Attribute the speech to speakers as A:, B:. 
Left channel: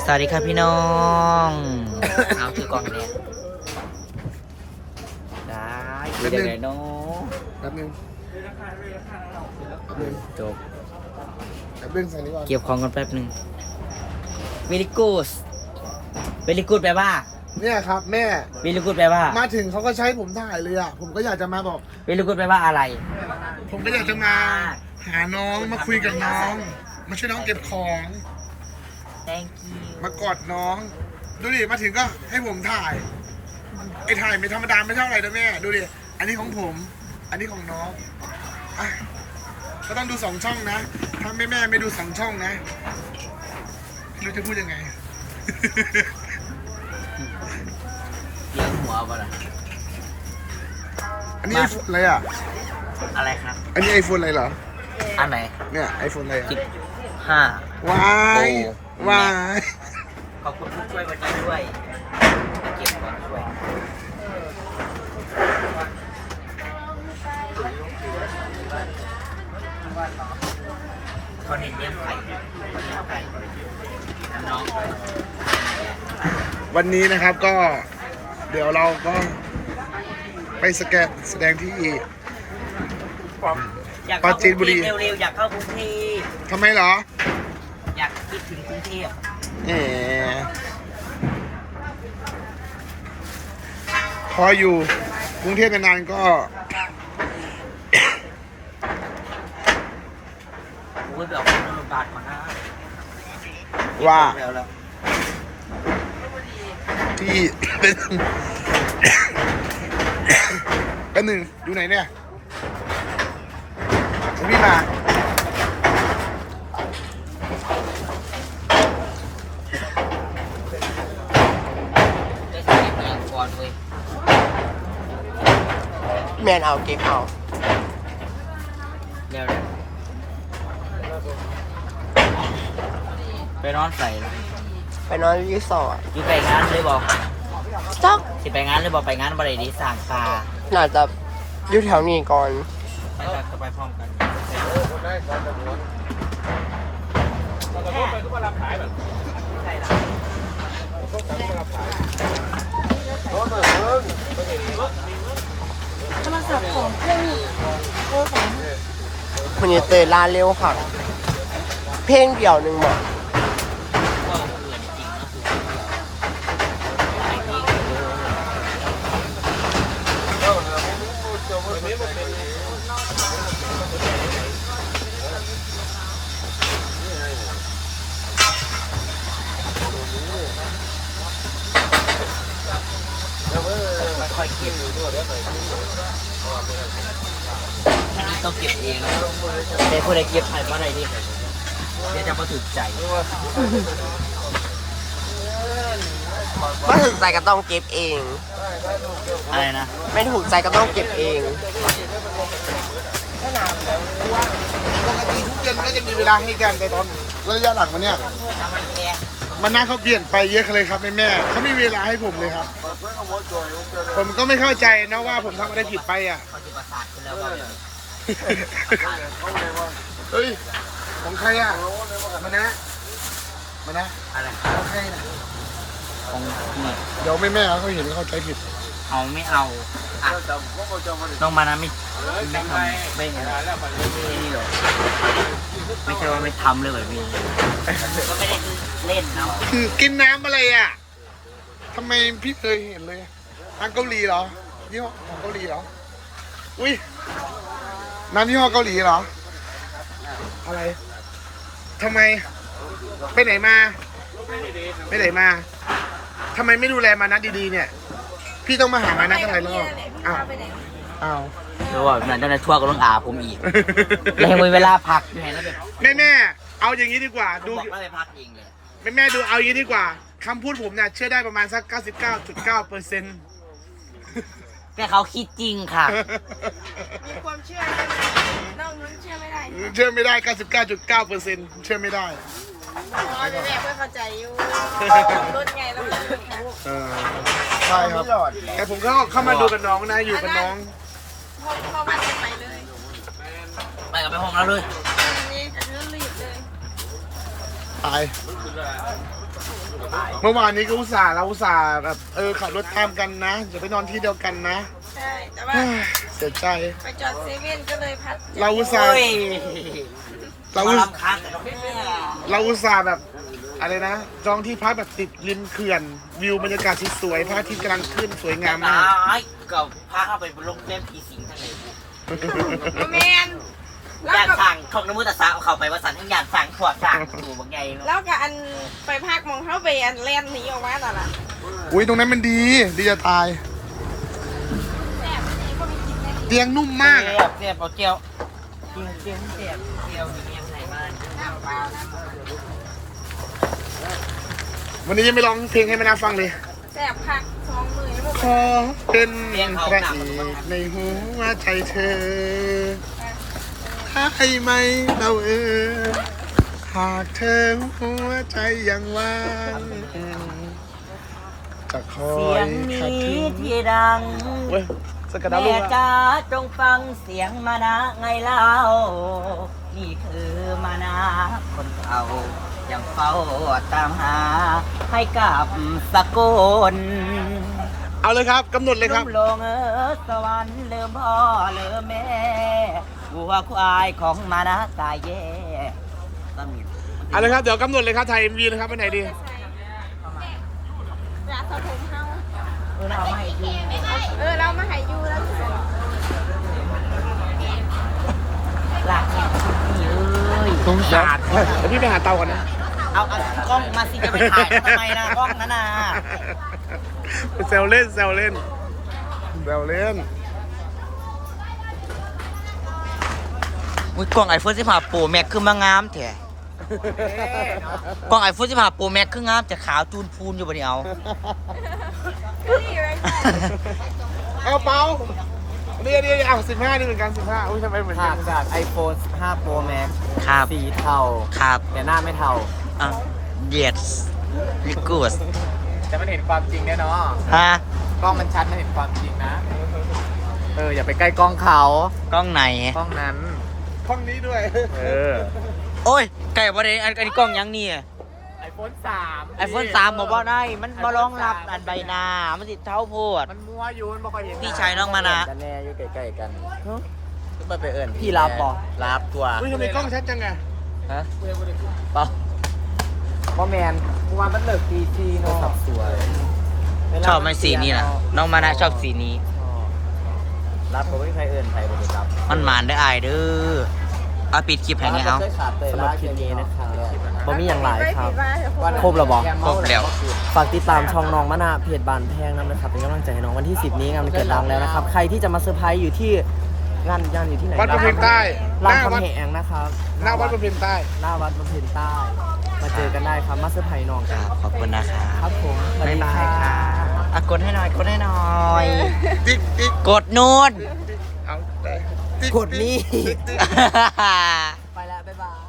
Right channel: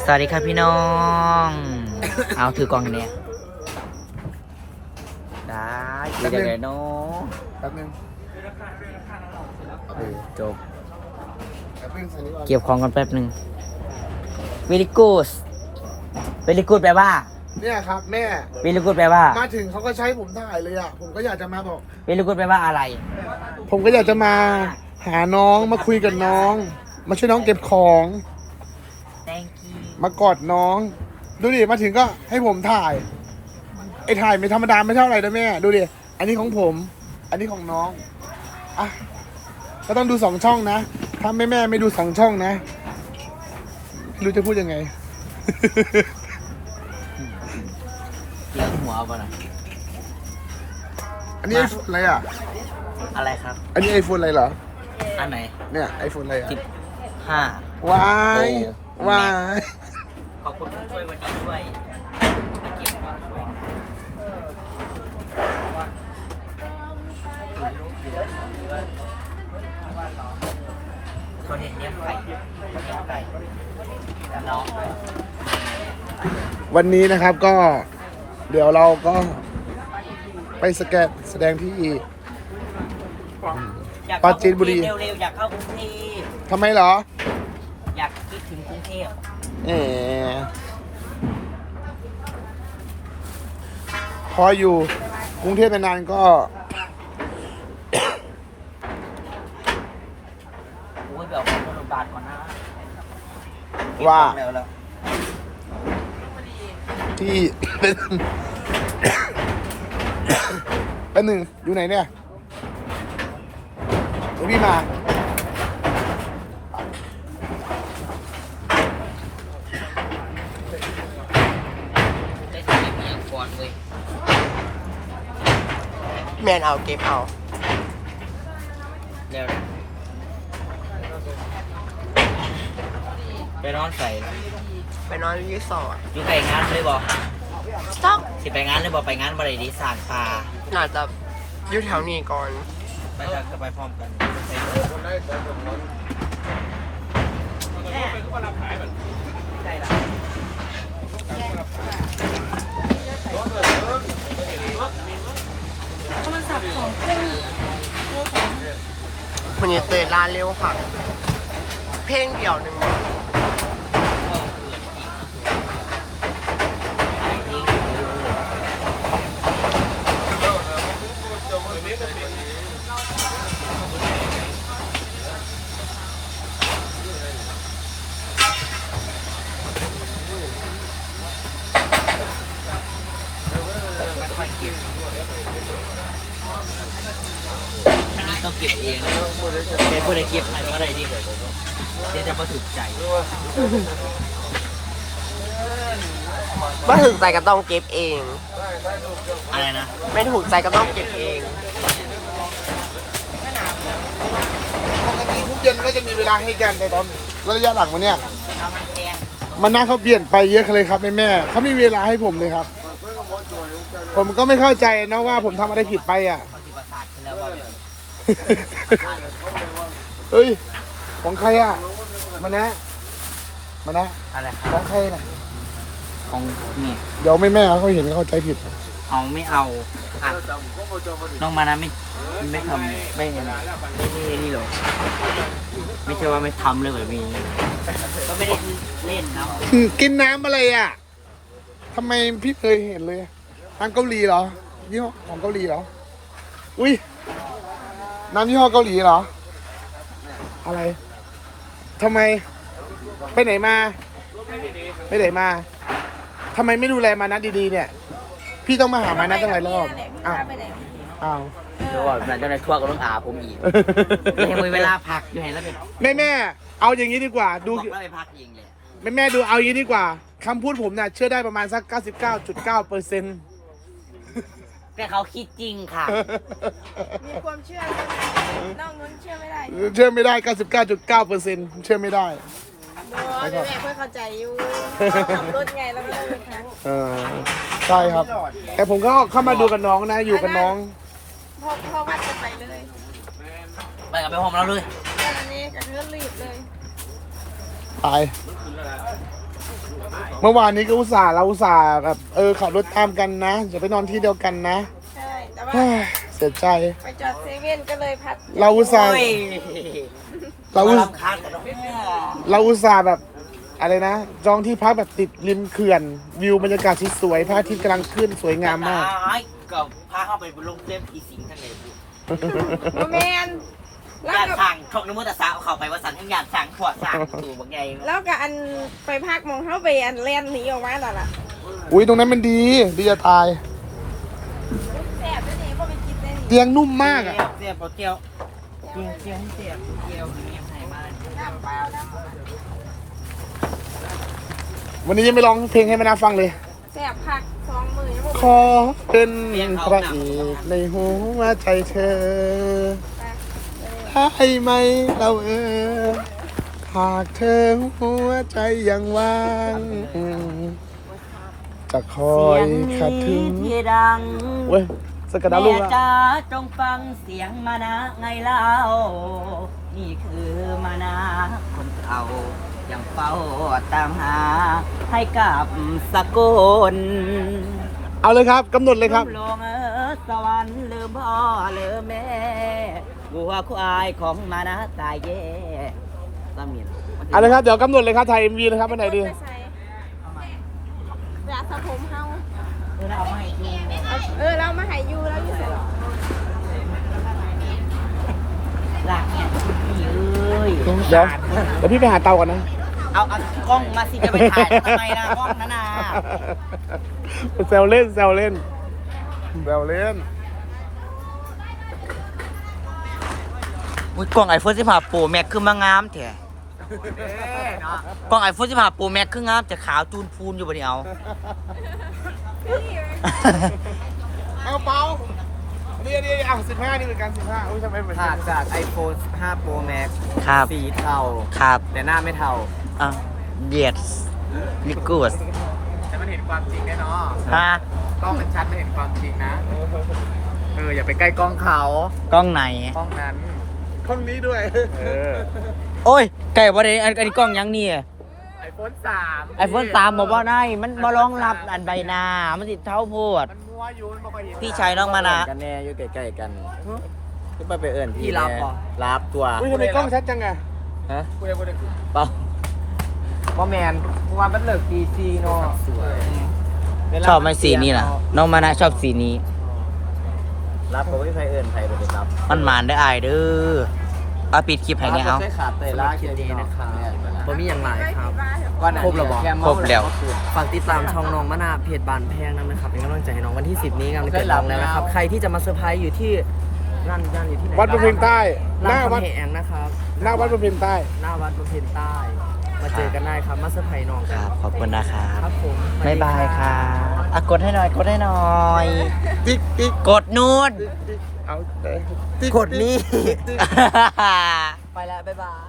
A: สวัสดีครับพี่น้อง เอาถือกล่องเนี่ยได้คุยได้เลยน้อง
B: แป๊บนึง
A: จบ
B: แป๊บนึงใส่นี่ก่อน
A: เก็บของกันแป๊บหนึ่ง very good very good แปลว่า
B: เนี่ยครับแม่
A: very good แปลว่า
B: มาถึงเขาก็ใช้ผมถ่ายเลยอ่ะผมก็อยากจะมาบอก
A: very good แปลว่าอะไร
B: ผมก็อยากจะมาหาน้องมาคุยกับน้อง มาช่วยน้องเก็บของ
A: thank you
B: มากอดน้อง ดูดิมาถึงก็ให้ผมถ่ายไอ้ถ่ายไม่ธรรมดาไม่เท่าไหร่นะแม่ดูดิอันนี้ของผม อันนี้ของน้องอ่ะก็ต้องดู2 ช่องนะถ้าแม่ไม่ดู2 ช่องนะไม่รู้จะพูดยังไง
A: เลี้ยงหัวป่ะล่ะ
B: อันนี้ไอโฟนอะไรอ่ะ
A: อะไรครับ
B: อันนี้ไอโฟนอะไรเหรอ
A: อันไหน
B: เนี่ยไอโฟนอะไรอ่ะ
A: 15
B: วาย
A: โอ้
B: วาย
A: ขอบคุณผู้ช่วยวันนี้ด้วยเก็บของด้วยตอนนี้เนี่ยไก่น้อง
B: วันนี้นะครับก็เดี๋ยวเราก็ไปแสดงที่
A: อยาก
B: ปราจีนบุรี
A: เร็วๆอยากเข้ากรุงเทพ
B: ทำไมเหรอ
A: อยากคิดถึงกรุงเทพ
B: แหมพออยู่กรุงเทพนานๆก็
A: โอ้ยแบบบาทก่อนนะ
B: ว่า
A: แล้ว
B: ที่ เป็นหนึ่งอยู่ไหนเนี่ยเดี๋ยวพี่มา
A: ได้เก็บเมียก่อนเว้ย
C: แมนเอาเก็บเอา
A: แล้วเนี่ยไปนอนใส่ละ
C: ไปนอนรีสอร์ท
A: อยู่ไปงานเลยบอก
C: จัก
A: สิไปงานเลยบอกไปงานบริดีสานปลา
C: น่าจะอยู่แถวนี้ก่อน
A: ไปกันก็ไปพร้อมกัน
C: มันจะเตะลาเร็วค่ะ เพลงเดี่ยวหนึ่งหมด
A: ค่อยๆเก็บอันนี้ต้องเก็บเองนะเดี๋ยวผู้ใดเก็บให้เมื่อไรดิเดี๋ยวจะมาถึกใจ
C: ไม่ถูกใจก็ต้องเก็บเอง
A: อะไรนะ
C: ไม่ถูกใจก็ต้องเก็บเอง
B: ปกติทุกเย็นก็จะมีเวลาให้กันแต่ตอนระยะหลังมันเนี่ยมันน่าเขาเปลี่ยนไปเยอะเลยครับแม่เขาไม่มีเวลาให้ผมเลยครับ ผมก็ไม่เข้าใจนะว่าผมทำอะไรผิดไปอ่ะ
A: ปฏิบัติศาสตร์คุณแล้วว่า
B: เฮ้ยของใครอ่ะมานะ
A: อะไร
B: ของใครนะ
A: นี่
B: เดี๋ยวแม่เขาเห็นเขาใจผิด
A: เอาไม่เอาอ่ะน้องมานะไม่ทำไม่นี่หรอกไม่ใช่ว่าไม่ทำเลยแบบนี้ก็ไม่ได้เล่นเนาะ
B: กินน้ำอะไรอ่ะทำไมพี่เคยเห็นเลยทางเกาหลีเหรอยี่ห้อของเกาหลีเหรออุ้ยน้ำยี่ห้อเกาหลีเหรออะไรทำไมไปไหนมาไปไหนมาทำไมไม่ดูแลมานะดีๆเนี่ย พี่ต้องมาหามานะตั้งหลายรอบอ้าวอ้าว
A: แล้วว่านั่นจะทั่วก็ต้องอาผมอีกให้มีเวลาพักอยู่เห็นแล้วแบบ
B: แม่เอาอย่างนี้ดีกว่าดู
A: บอกว่าไปพักเองเลย
B: แม่ดูเอาอย่างนี้ดีกว่าคำพูดผมเนี่ยเชื่อได้ประมาณสัก 99.9%
A: แต่เขาคิดจริงค่ะ
D: มีความเชื่อใช่ไหมนอกนั้นเชื่อไม่ได้
B: เชื่อไม่ได้ 99.9% เชื่อไม่ได้
D: อ๋อเด็กๆไม่เข้าใจอยู่รุ่นไงแล้วมัน
B: ใช่ครับ แต่ผมก็เข้ามาดูกับน้องนะ อยู่กับน้อง
D: พ่อมันจะไปเลย
A: ไปกับไปห้องแล้วเลย
D: อันนี้จะเรื่องรีบเลย
B: ไปเมื่อวานนี้ก็เราอุตส่าห์แบบขับรถตามกันนะอย่าไปนอนที่เดียวกันนะ
D: ใช่แต่ว่า
B: เฮ้ยเสียใจ
D: ไปจอดเซเว่นก็เลยพัด
B: เราอุตส่าห์
A: โอ้ย
B: เรา
A: เรา
B: อุต
A: รำคาญแต่เราไม่
B: เราอุตส่าห์แบบอะไรนะจองที่พักแบบติดริมเขื่อนวิวบรรยากาศสวยๆพระอาทิตย์กำลังขึ้นสวยงามมาก
A: ไอ้กับพาเข้าไปบนลงเทพอีสิงทะเลบุ
D: แมนแล้
A: อ
D: วย
A: าก
D: ก็
A: สั่งของนโมตสาเข้าไปว่าสันทั้งอยากสั่งขวดสั่งสู่บางไง
D: แล้วก็อันไปภาคมองเข้าไปอันแล่นหนีออกมาแต่ละ
B: อุ้ยตรงนั้นมันดีจะตาย
D: แซ่บไม่ได้ก็ไปกินเลย
B: เตียงนุ่มมากอะ
A: เนี่ยโปรเจียวเจียวเจียวเจียวยิงยังไงบ้าน
B: วันนี้ยังไม่ร้องเพลงให้แม่นาฟังเลย
D: แซ่บผักสองมือ
B: ขอเป็นพระเอกในหัวใจเธอให้ไหมเราหากเธอหัวใจยังว่างจะคอ
A: เสี
B: ย
A: ยง
B: ขัด
A: นี้
B: ถึง
A: ที่ดัง
B: เว้ยสกัดดาว
A: แม่
B: ลูก
A: จ๋าจงฟังเสียงมานะไงเล่า นี่คือมานะคนเก่ายังเฝ้าตามหา ให้กับสกุล
B: เอาเลยครับกำหนดเลยครับ
A: น้ำลงสวรรค์ลืมพ่อลืมแม่วัวควายของมานะกายแย่ตามิน
B: เอาเลยครับเดี๋ยวกำหนดเลยครับถ่าย MV เลยครับวันไหนดี
D: ใส่อยากสระผมเฮา
A: เราไม่ดู
D: เรามาใหายยูแล้ว
A: หลักเนี่ยพี่เอ้ย
B: เดี๋ยวพี่ไปหาเตาก่อนนะ
A: เอากล้องมาสิจะไปถ่ายทำไมล่ะกล้องนั้นน่ะ
B: แซวเล่นแซวเล่นแซวเล่น
A: อุ้ยกล้องไอโฟน15 Pro Max คือมางามแท้กล้องไอโฟน15 Pro Max คืองามจะขาวจูนพูนอยู่บ่นี่เอา
B: เอาเปานี่เอา15นี่เหมือนกัน15อุ้ยทำไมเหมือน
C: ถาดจาก iPhone 15 Pro Max
A: ครับ
C: สีเทา
A: ครับ
C: แต่หน้าไม่เทา
A: อ่ะ yes ลิกูส
C: แต่มันเห็นความจริงแน่นอน
A: ฮะ
C: กล้องมันชัดมันเห็นความจริงนะ อย่าไปใกล้กล้องเขา
A: กล้องไหน
C: กล้องนั้น
B: ห้องนี้ด้วย
A: โอ้ยไก่บ่ได้อันนี้กล้องยังนี่
C: iPhone 3
A: ไอโฟน3บอกว่าได้มันบ่รองรับอันใบหน้ามันสิเท่าโพด
C: มันมัวอยู่มันบอกว่าเห็น
A: พี่ชายน้องมานะ
C: กันแน่อยู่ใกล้ๆกันก็ไปเอิญ
A: พี่รับบ่
C: รับตัว
B: อุ้ยทำไมกล้องชัดจังอะ
C: ฮะต่อว่าแมนว่ามันเลิกตีทีโทรศัพท์สวย
A: ชอบไหมสีนี้ล่ะ น้องมานะชอบสีนี้
C: รับก็ไม่ใครเอิญใครไปเลยครับ
A: มันหมานได้อายเด้อเอาปิดคลิปให้เนี่ยเอา
C: สำหรับคลิปนี้นะครับผมมีอย่างหลายครับ ครบแล้วบ่
A: ครบแล้ว
C: ฝากติดตามช่องน้องมะนาวเพจบานแพงนะครับเป็นกำลังใจให้น้องวันที่ 10 นี้งานวันเกิดน้องแล้วนะครับ ใครที่จะมาเซอร์ไพรส์อยู่ที่งานอยู่ที่ไหน
B: วัดบำเพ็ญใต้
C: รามคำแหงนะครับ
B: หน้าวัดบำเพ็ญใต้
C: หน้าวัดบำเพ็ญใต้ มาเจอกันได้ครับมาเซอร์ไพรส์น้อง
A: ค
C: ค
A: รั
C: รั
A: บบ ขอบคุณนะครับ
C: ครับผมสวัส
A: บ๊าย
C: ดี
A: บายครับอ่ะกดให้หน่อยกดให้หน่อย
B: ติ๊ก
A: กดนู่น
B: เอาไป
C: กดนี่
B: ติ๊ก
C: ไปแล้วบ๊ายบาย